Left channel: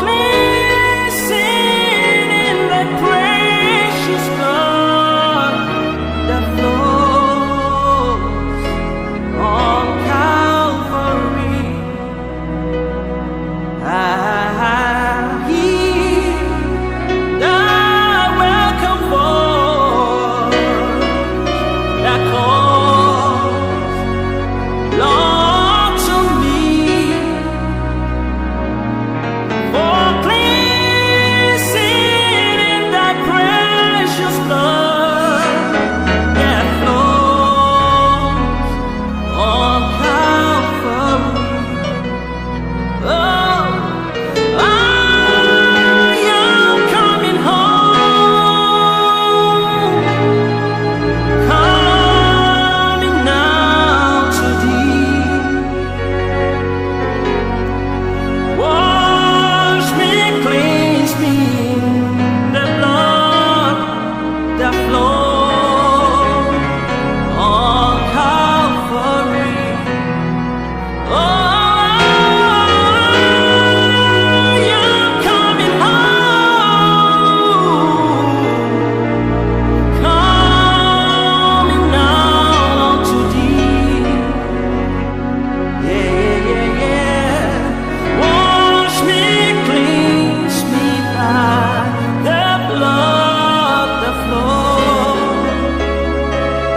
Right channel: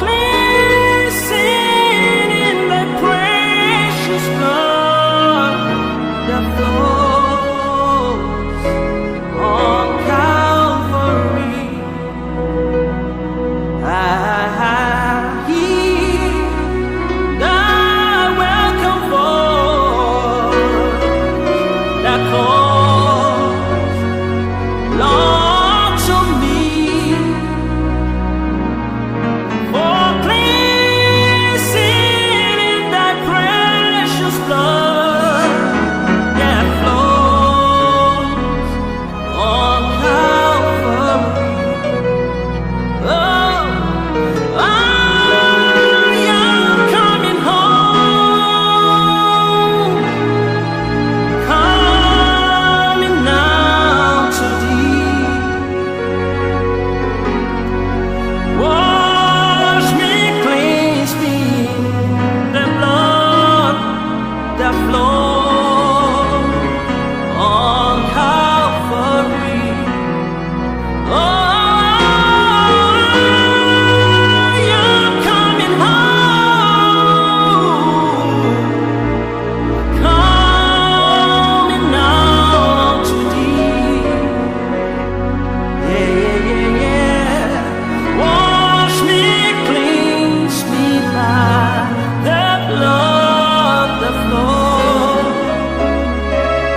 cleansing in the precious blood that flows on Calvary. I hear the welcome voice that calls, Lord, to me, for cleansing in thy precious blood that flows on Calvary. Oh, I am coming home, coming now to thee. Wash me, cleanse me in the blood that flows on Calvary. Oh,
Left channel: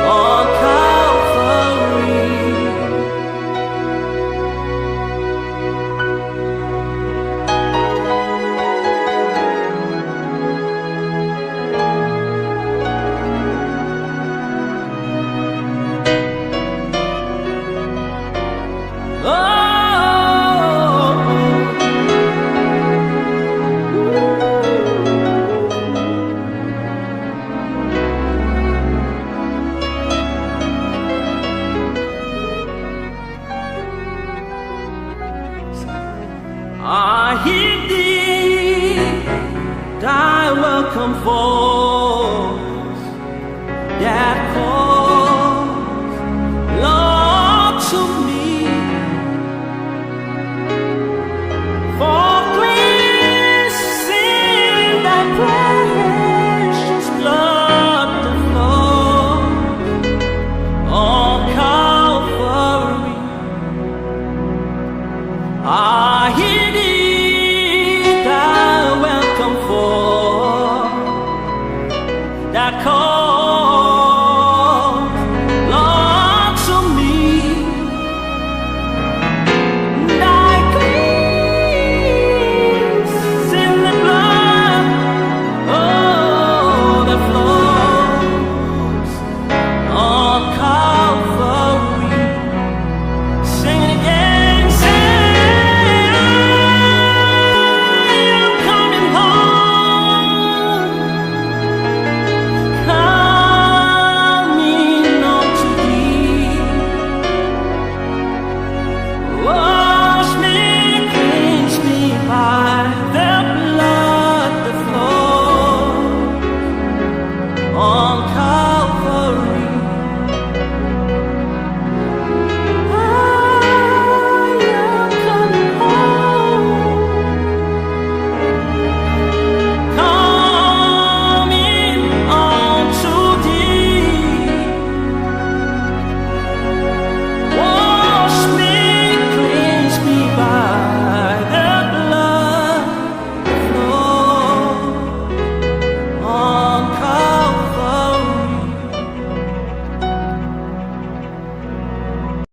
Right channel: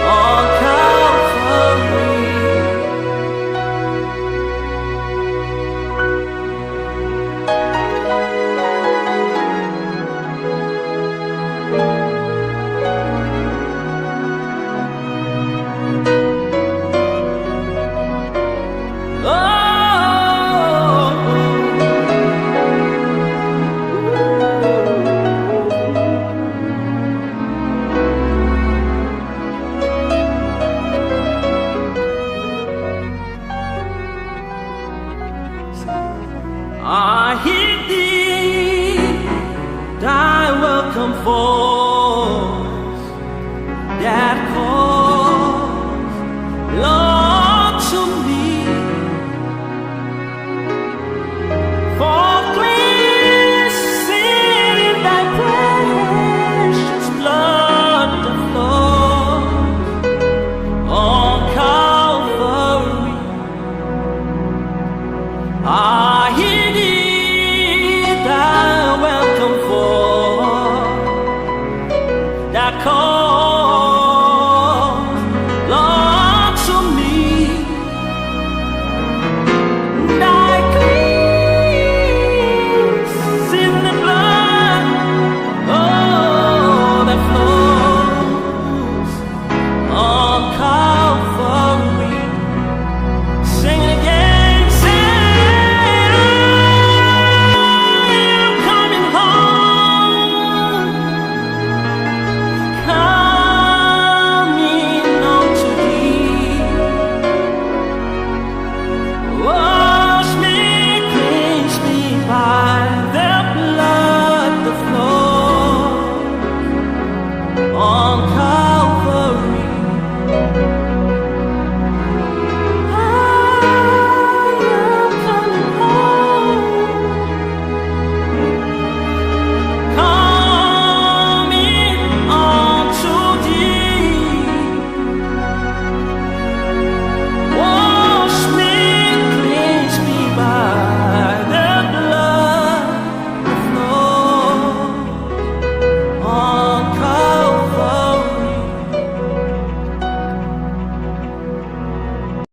on Calvary. I hear thee, thy welcome voice that calls, Lord, to me, for cleansing in thy precious blood that flows on Calvary. I hear thee, thy welcome voice that calls,